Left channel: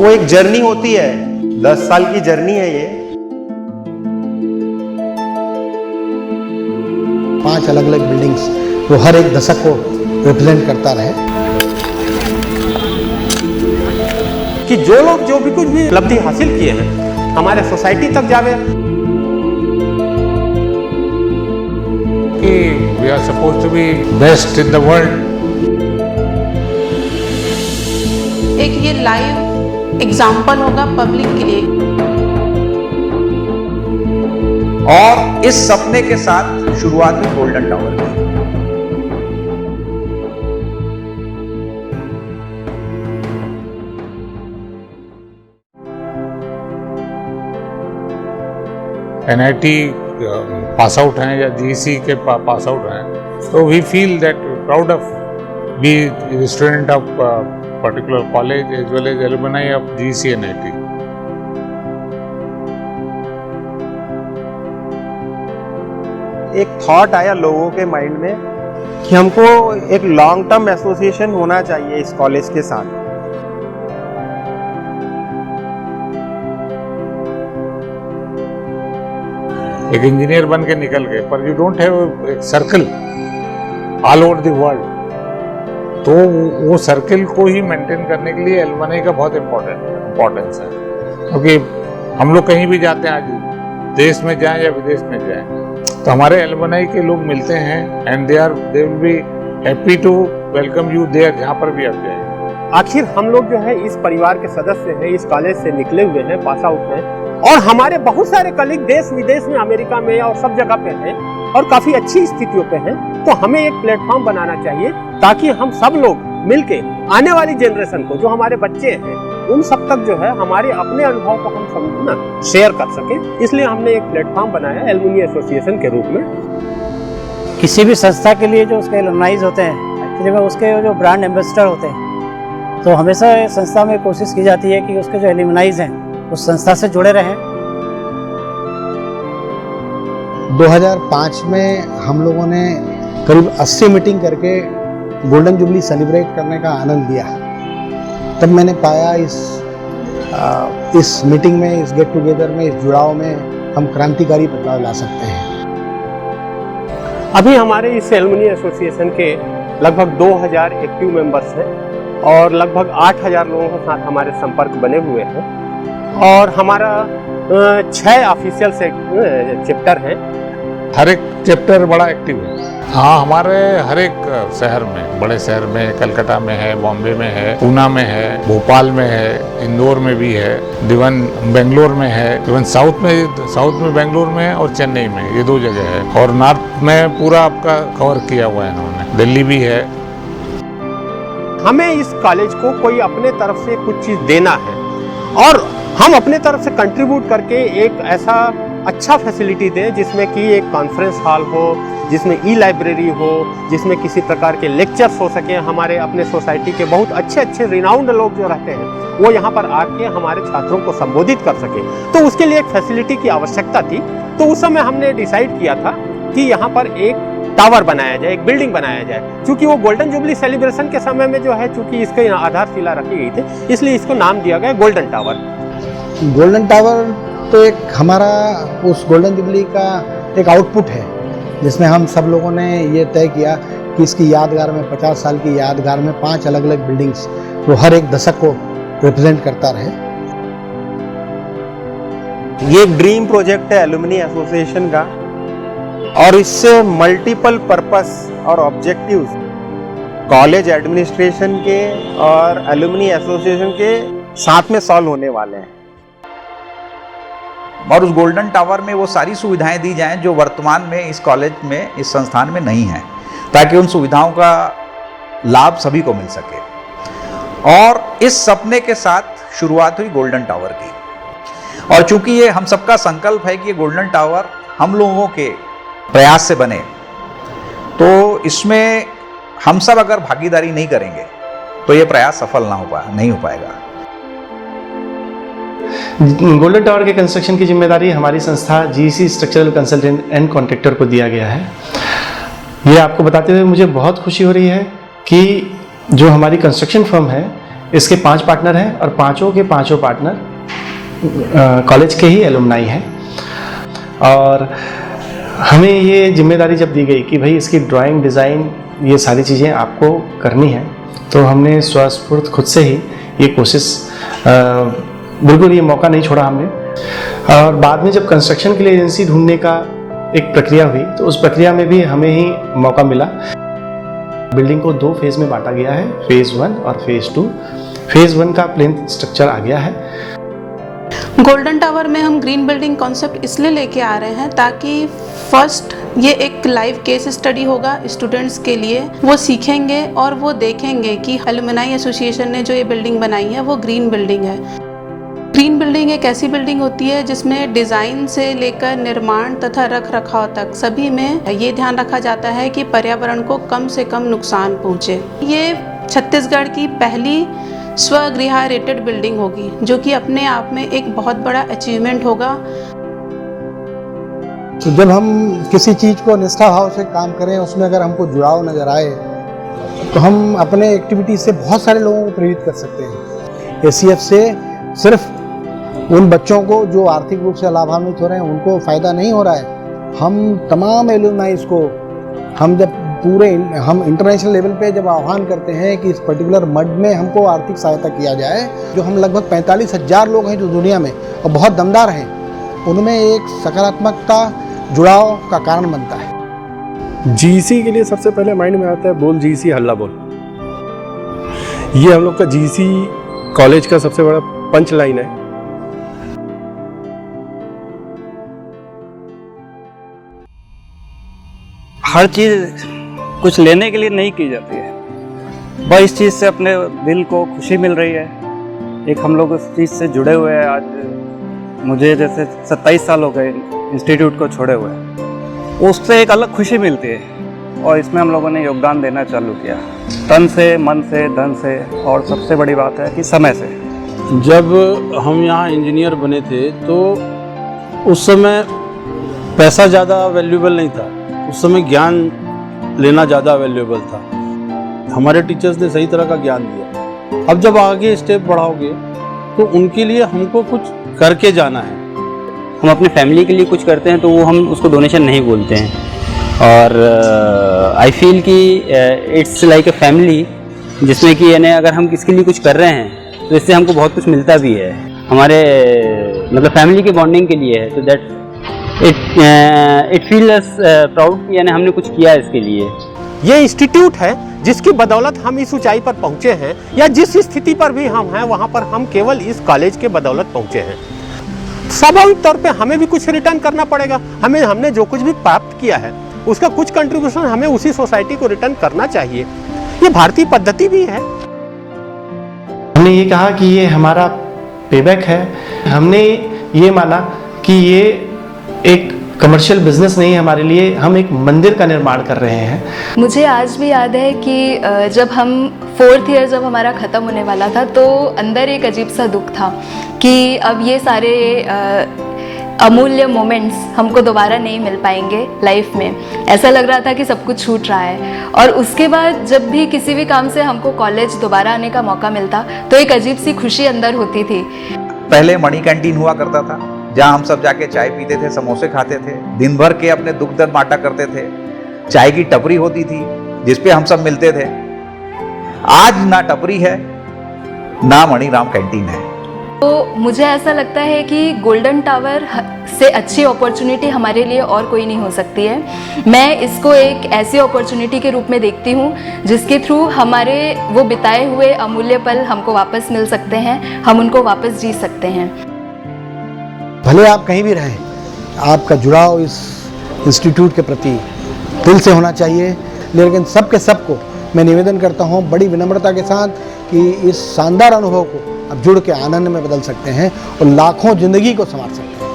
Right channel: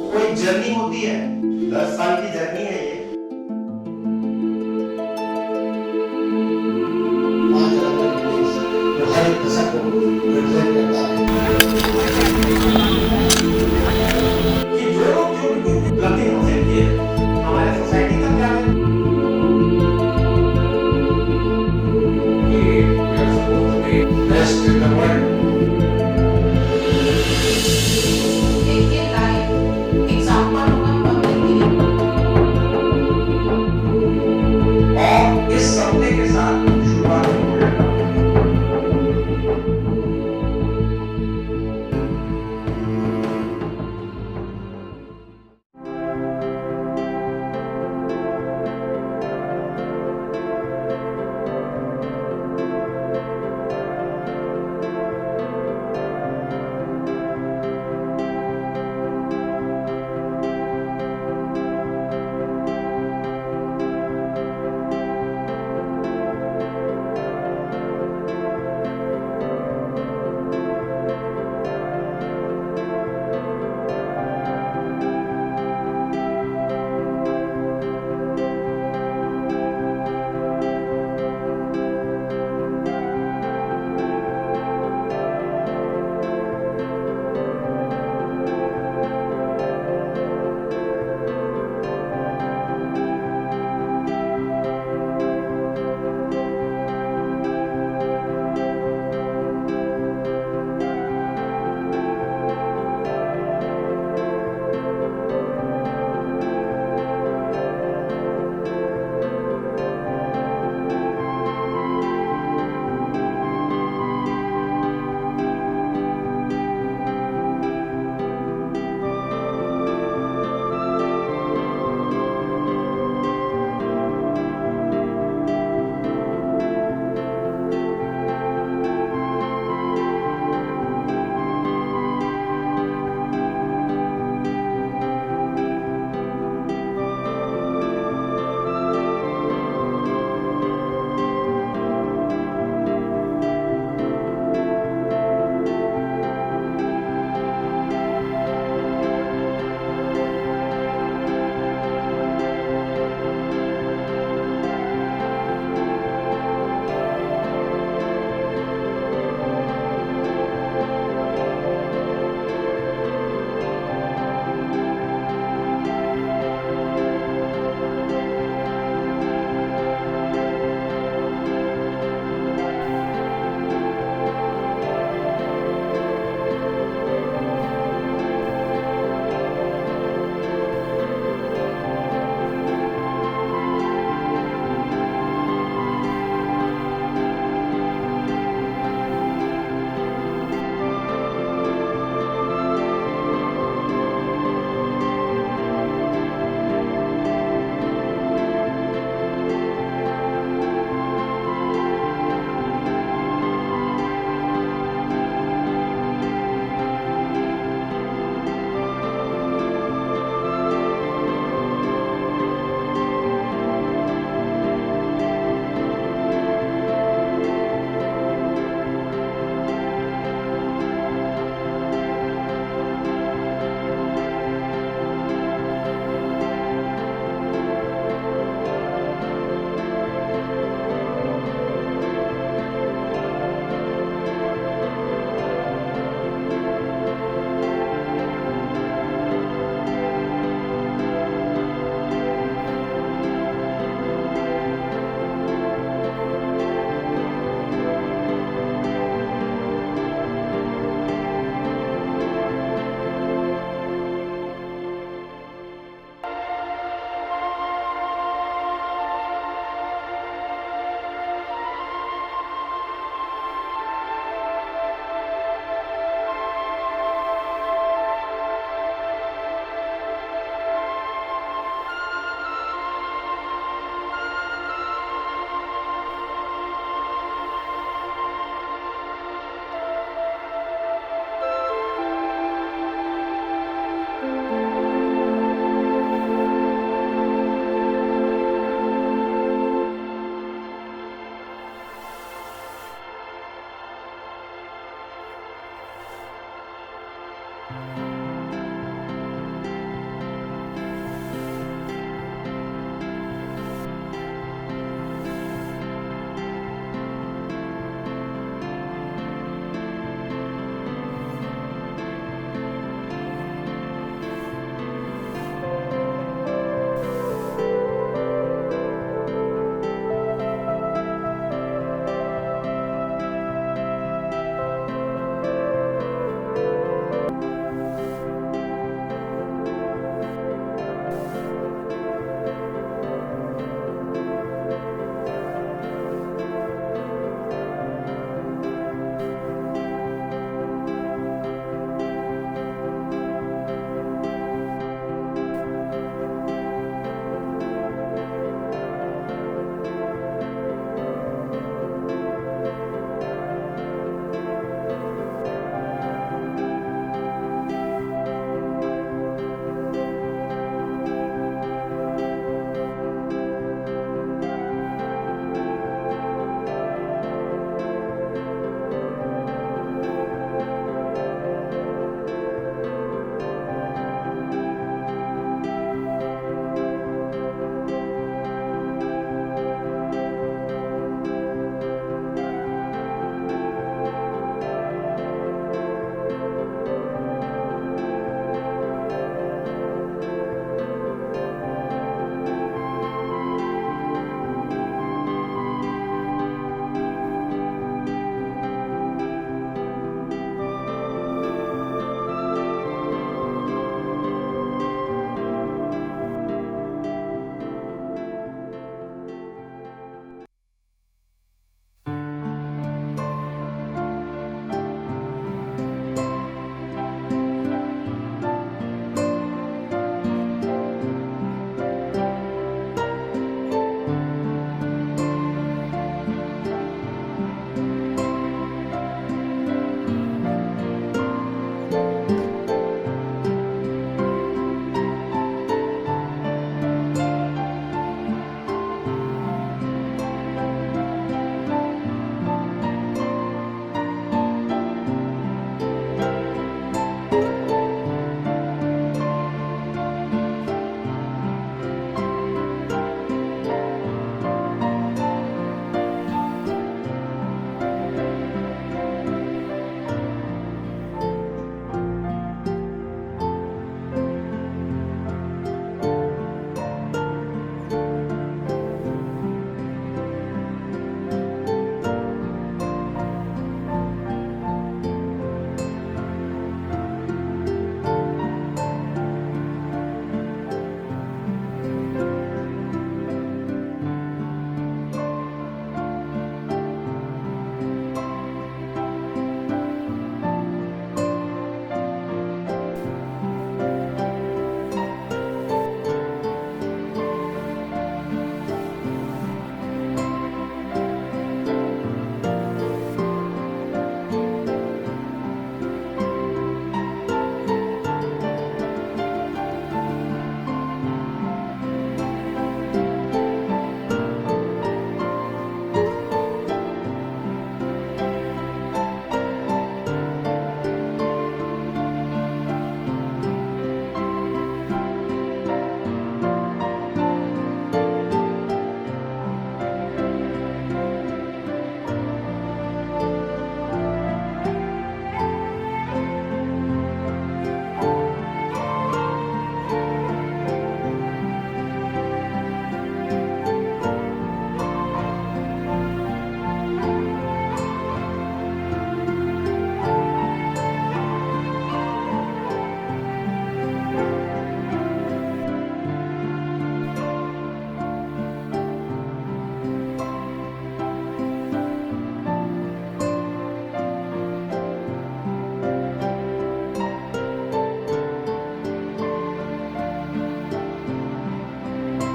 वो एक जर्नी होती है, 10 साल की जर्नी है ये। 5 अलग अलग बिल्डिंग्स वो हर एक दशक को रिप्रेजेंट करता रहे कि जो लोग जो भी कुछ भी उपलब्धि हासिल किए हैं हमारे सोसाइटी तक जावे। कि we are supposed to be best in the world. एक ये लाइव एग्जाम्पल होगा पब्लिक के लिए। और इस सपने के साथ शुरुआत हुई गोल्डन टावर की। NIT पास आउट हैं या GEC के पास आउट हैं, तो we feel that proud of be student of particular college as well as alumni of GEC NIT. एक थॉट आया लोगों के माइंड में कि हमको एक लॉन्ग टर्म एसोसिएशन होना चाहिए इस कॉलेज के साथ। एक इंजीनियर बन के निकल गए, पर you don't have circle all over the world, तो वो सर्कल को ही मेंटेन करने के लिए एलुमनाई का बहुत इम्पोर्टेंस है। क्योंकि हम लोग कहीं भी जाते हैं, आज देश में जाएं या विदेश में जाएं, तो हमारे एलुमनाई के लोग मिलते हैं and they will be happy to welcome you there, जहाँ पर भी आप जाएं। आखिर हम लोग जो है इस परिवार के सदस्य हैं, इस कॉलेज से निकले हुए हैं, पास आउट हैं, और हमारे बहुत सारे कलीग देश विदेश में, अमेरिका में और सब जगह पे हैं और काफी अच्छी स्थितियों पे हैं। तो हमें एक प्लेटफॉर्म बनाना चाहिए ताकि हम सब लोग मिलके आने वाली जनरेशन को, जो हमारे बच्चे हैं, उन सब तक जो है हमारे अपने अनुभव को हम समझना शेयर कर सके। इसलिए हमने एक प्लेटफॉर्म बनाया एलुमनी एसोसिएशन के रूप में। किसी भी संस्था के लिए जो उसके एलुमनाइज होते हैं, जब उसके जो ब्रांड एम्बेसडर होते हैं, तो हमेशा संस्था में कोशिश की जाती है कि उसके जो एलुमनाइज हैं उस संस्था से जुड़े रहें। 2005 में हम लोगों ने करीब 80 मीटिंग करके गोल्डन जुबली सेलिब्रेट करने का आनंद लिया। तब मैंने पाया इस मीटिंग में, इस गेट टुगेदर में, इस जुड़ाव में हम क्रांतिकारी प्रभाव ला सकते हैं। अभी हमारे इस एलुमनी एसोसिएशन के लगभग 2000 एक्टिव मेंबर्स हैं और लगभग 8000 लोगों के साथ हमारे संपर्क बने हुए हैं और हमारा 6 ऑफिशियल से चैप्टर हैं। हर एक चैप्टर बड़ा एक्टिव है। हाँ, हमारे हर एक शहर में, बड़े शहर में, कलकत्ता में है, बॉम्बे में है, पूना में है, भोपाल में है, इंदौर में भी है, इवन बेंगलोर में है, इवन साउथ में बेंगलोर में है और चेन्नई में, ये 2 जगह है। और नॉर्थ में पूरा आपका कवर किया हुआ है इन्होंने, दिल्ली भी है। हमें इस कॉलेज को कोई अपने तरफ से कुछ चीज़ देना है और हम अपने तरफ से कंट्रीब्यूट करके एक ऐसा अच्छा फैसिलिटी दें जिसमें कि एक कॉन्फ्रेंस हॉल हो, जिसमें ई-लाइब्रेरी हो, जिसमें किसी प्रकार के लेक्चर्स हो सके। हमारे अपने सोसाइटी के बहुत अच्छे रिनाउंड लोग जो रहते हैं वो यहाँ पर आके हमारे छात्रों को संबोधित कर सके, तो उसके लिए एक फैसिलिटी की आवश्यकता थी। तो उस समय हमने डिसाइड किया था कि यहाँ पर एक टावर बनाया जाए, एक बिल्डिंग बनाया जाए। चूँकि वो गोल्डन जुबली सेलिब्रेशन के समय में जो है, चूँकि इसके आधारशिला रखी गई थी, इसलिए इसको नाम दिया गया गोल्डन टावर। गोल्डन टावर तो एक हमारा उस गोल्डन जुबली का एक आउटपुट है, जिसमें हम सब लोगों ने ये तय किया कि इसकी यादगार में, 50 साल की यादगार में 5 अलग अलग बिल्डिंग्स वो हर एक दशक को रिप्रेजेंट करता रहे। ये ड्रीम प्रोजेक्ट है एलुमनी एसोसिएशन का और इससे मल्टीपल पर्पस और ऑब्जेक्टिव्स कॉलेज एडमिनिस्ट्रेशन के और एलुमनी एसोसिएशन के साथ में सॉल्व होने वाले हैं। और उस गोल्डन टावर में वो सारी सुविधाएं दी जाएं जो वर्तमान में इस कॉलेज में, इस संस्थान में नहीं है, ताकि उन सुविधाओं का लाभ सभी को मिल सके। और इस सपने के साथ शुरुआत हुई गोल्डन टावर की। और चूंकि ये हम सबका संकल्प है कि ये गोल्डन टावर हम लोगों के प्रयास से बने, तो इसमें हम सब अगर भागीदारी नहीं करेंगे तो ये प्रयास सफल नहीं हो पाएगा। गोल्डन टावर के कंस्ट्रक्शन की जिम्मेदारी हमारी संस्था GEC structural consultant and contractor को दिया गया है। ये आपको बताते हुए मुझे बहुत खुशी हो रही है कि जो हमारी कंस्ट्रक्शन फर्म है इसके 5 पार्टनर हैं और पांचों के पांचों पार्टनर कॉलेज के ही एलुमनाई हैं। और हमें ये जिम्मेदारी जब दी गई कि भाई इसकी ड्राइंग, डिज़ाइन, ये सारी चीज़ें आपको करनी है, तो हमने स्वस्फूर्त खुद से ही ये कोशिश, बिल्कुल ये मौका नहीं छोड़ा हमने। और बाद में जब कंस्ट्रक्शन के लिए एजेंसी ढूंढने का एक प्रक्रिया हुई, तो उस प्रक्रिया में भी हमें ही मौका मिला। बिल्डिंग को 2 फेज़ में बांटा गया है, फेज़ 1 और फेज़ 2। फेज़ 1 का प्लिंथ स्ट्रक्चर आ गया है। गोल्डन टावर में हम ग्रीन बिल्डिंग कॉन्सेप्ट इसलिए लेके आ रहे हैं ताकि फर्स्ट ये एक लाइव केस स्टडी होगा स्टूडेंट्स के लिए। वो सीखेंगे और वो देखेंगे कि एलुमनाई एसोसिएशन ने जो ये बिल्डिंग बनाई है वो ग्रीन बिल्डिंग है। ग्रीन बिल्डिंग एक ऐसी बिल्डिंग होती है जिसमें डिज़ाइन से लेकर निर्माण तथा रख रखाव तक सभी में ये ध्यान रखा जाता है कि पर्यावरण को कम से कम नुकसान पहुँचे। ये छत्तीसगढ़ की पहली स्वगृह रेटेड बिल्डिंग होगी, जो कि अपने आप में एक बहुत बड़ा अचीवमेंट होगा। तो जब हम किसी चीज़ को निष्ठा भाव से काम करें, उसमें अगर हमको जुड़ाव नज़र आए, तो हम अपने एक्टिविटी से बहुत सारे लोगों को प्रेरित कर सकते हैं। एसीएफ से सिर्फ उन बच्चों को जो आर्थिक रूप से लाभान्वित हो रहे हैं उनको फ़ायदा नहीं हो रहा है। हम तमाम एलुमनाइज को हम इंटरनेशनल लेवल पे जब आह्वान करते हैं कि इस पर्टिकुलर मड में हमको आर्थिक सहायता किया जाए, जो हम लगभग 45,000 लोग हैं जो दुनिया में और बहुत दमदार हैं, उनमें एक सकारात्मकता, जुड़ाव का कारण बनता है। जीसी के लिए सबसे पहले माइंड में आता है बोल जीसी हल्ला बोल। ये हम लोग का जीसी कॉलेज का सबसे बड़ा पंच लाइन है। हर चीज़ कुछ लेने के लिए नहीं की जाती है, बस इस चीज़ से अपने दिल को खुशी मिल रही है। एक हम लोग उस चीज़ से जुड़े हुए हैं। आज मुझे जैसे 27 साल हो गए इंस्टीट्यूट को छोड़े हुए, उससे एक अलग खुशी मिलती है और इसमें हम लोगों ने योगदान देना चालू किया, तन से, मन से, धन से, और सबसे बड़ी बात है कि समय से। जब हम यहाँ इंजीनियर बने थे तो उस समय पैसा ज़्यादा वैल्यूएबल नहीं था, उस समय ज्ञान लेना ज़्यादा वैल्यूएबल था। हमारे टीचर्स ने सही तरह का ज्ञान दिया। अब जब आगे स्टेप बढ़ाओगे तो उनके लिए हमको कुछ करके जाना है। हम अपने फैमिली के लिए कुछ करते हैं तो वो हम उसको डोनेशन नहीं बोलते हैं, और आई फील कि इट्स लाइक ए फैमिली, जिसमें कि यानी अगर हम किसके लिए कुछ कर रहे हैं तो इससे हमको बहुत कुछ मिलता भी है। हमारे मतलब फैमिली के बॉन्डिंग के लिए है, तो that it feel us proud, यानी हमने कुछ किया इसके लिए। ये इंस्टीट्यूट है जिसकी बदौलत हम इस ऊंचाई पर पहुंचे हैं, या जिस स्थिति पर भी हम हैं वहां पर हम केवल इस कॉलेज के बदौलत पहुंचे हैं। स्वाभाविक तौर पे हमें भी कुछ रिटर्न करना पड़ेगा। हमने जो कुछ भी प्राप्त किया है उसका कुछ कंट्रीब्यूशन हमें उसी सोसाइटी को रिटर्न करना चाहिए। ये भारतीय पद्धति भी है। हमने ये कहा कि ये हमारा पेबैक है। हमने ये माना कि ये एक कमर्शियल बिजनेस नहीं है हमारे लिए, हम एक मंदिर का निर्माण कर रहे हैं। मुझे आज भी याद है कि जब हम 4th ईयर जब हमारा ख़त्म होने वाला था, तो अंदर एक अजीब सा दुख था कि अब ये सारे अमूल्य मोमेंट्स हमको दोबारा नहीं मिल पाएंगे लाइफ में। ऐसा लग रहा था कि सब कुछ छूट रहा है। और उसके बाद जब भी किसी भी काम से हमको कॉलेज दोबारा आने का मौका मिलता तो एक अजीब सी खुशी अंदर होती थी। पहले मणि कैंटीन हुआ करता था, जहाँ हम सब जाके चाय पीते थे, समोसे खाते थे, दिन भर के अपने दुख दर्द बांटा करते थे। चाय की टपरी होती थी जिसपे हम सब मिलते थे। आज ना टपरी है ना मणिराम कैंटीन है। तो मुझे ऐसा लगता है कि गोल्डन टावर से अच्छी अपॉर्चुनिटी हमारे लिए और कोई नहीं हो सकती है। मैं इसको एक ऐसी अपॉर्चुनिटी के रूप में देखती हूँ जिसके थ्रू हमारे वो बिताए हुए अमूल्य पल हमको वापस मिल सकते हैं, हम उनको वापस जी सकते हैं। भले आप कहीं भी रहें, आपका जुड़ाव इस इंस्टीट्यूट के प्रति दिल से होना चाहिए। लेकिन सबके सबको मैं निवेदन करता हूँ बड़ी विनम्रता के साथ कि इस शानदार अनुभव को आप जुड़ के आनंद में बदल सकते हैं और लाखों जिंदगी को संवार सकते हैं।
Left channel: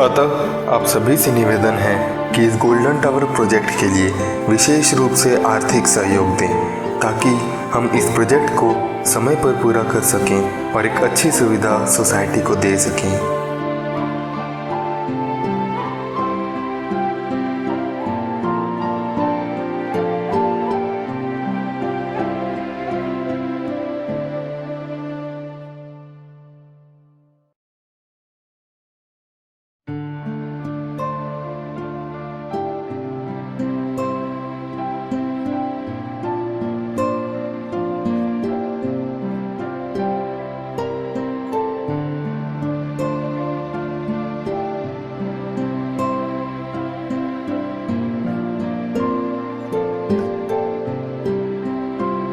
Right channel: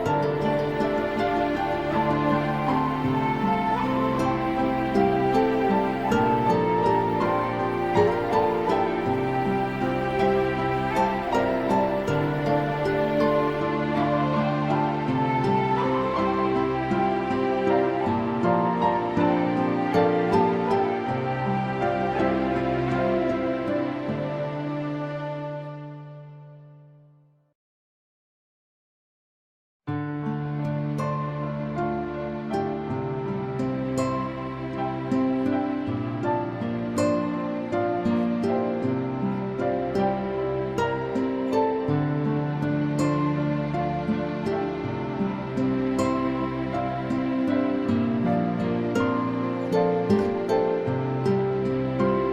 अतः आप सभी से निवेदन है कि इस गोल्डन टावर प्रोजेक्ट के लिए विशेष रूप से आर्थिक सहयोग दें, ताकि हम इस प्रोजेक्ट को समय पर पूरा कर सकें और एक अच्छी सुविधा सोसाइटी को दे सकें।